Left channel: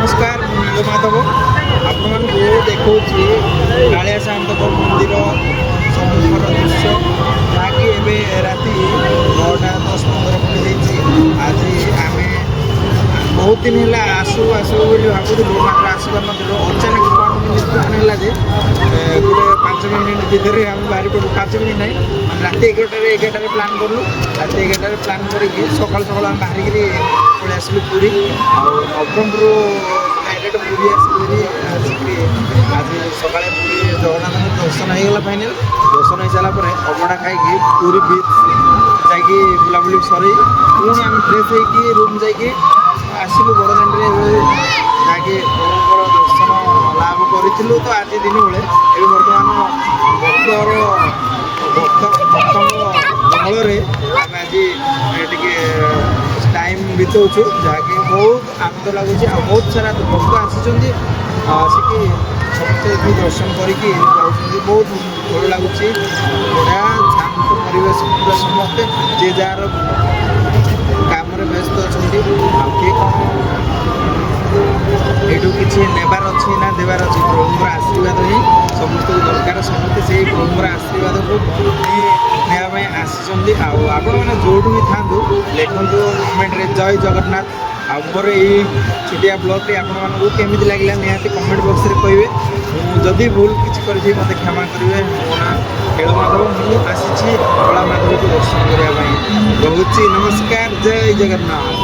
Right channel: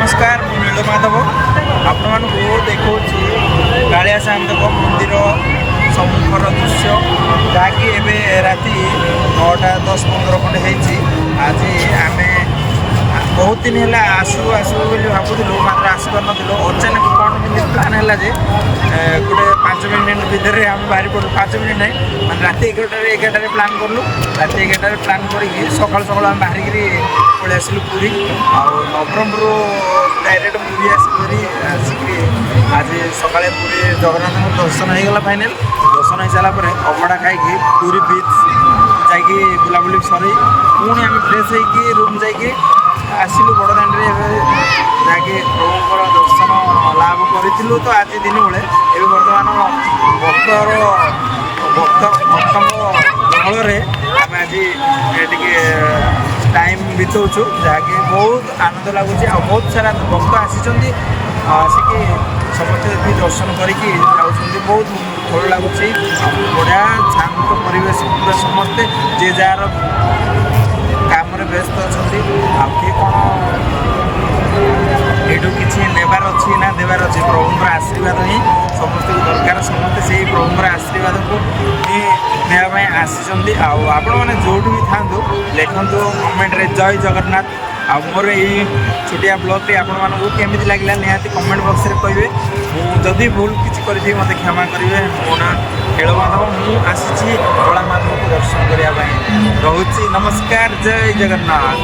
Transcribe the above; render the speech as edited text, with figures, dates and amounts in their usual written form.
नमस्कार मु नीलमाधव आपण मानक देखा कालिया साहेब मंदिर सम्मुखर दृश्य जहाँकि एवं राति 9:10-15 खंडे आज आम बहुत दिन है आसू आसू भावुलु मात्र आसपार नु अचानक कौन प्लान है जे गोटे 5 मिनट भितर आम बाहरी पड़ू 5 मिनट ना मैं रात 11टार प्लान कलु रात 11टार प्लान करके सकाल सकाल आम बाहर पलि आसलु पुरी नवरंगपुर डायरेक्ट पुरी आसिक आज सकाଳେ पुरी जगन्नाथ दर्शन होगला फाइनाल दर्शन हो सारापर अबड़ा खाई पुरी बीच जा बुलाबुली सर पुणी आम फ्रेश होगी रूम जा आसिलु बड़दाण्डे जहाँकि प्रभुंर दर्शन लाभ करूँ तो आज दिन बेले ए बर्तमान भक्तों गहल आम आज टे टाइम बिताऊँ जहाँकि बहुत आनंद लगुच बहुत सारा भक्त आसिक समस्ते भी दर्शन करके जाऊँ बहुत भल लगुच बढ़िया शांत परिवेश पूरा समस्ते जे जार काम व्यस्त अच्छा किए कौन यू कि नेबार अच्छी ना देवार अच्छी प्रभुंर आशीर्वाद ही समस्त को दरकार समस्ते से प्रभुंर आशीर्वाद को नापी आसी आपण मैंने जो भी था लिखु कमेंट रे जय जगन्नाथ मोर यही छोटिया ब्लॉग रे आपण मानू केमी लगे निहाती कमेंट बॉक्स रे कहिए मुझे भूल किसी करी मत क्षमा करेंगे मो ना नीलमाधव मु आसी कलामाधव को दर्शन करने रोची नमस्कार जय जगन्नाथ।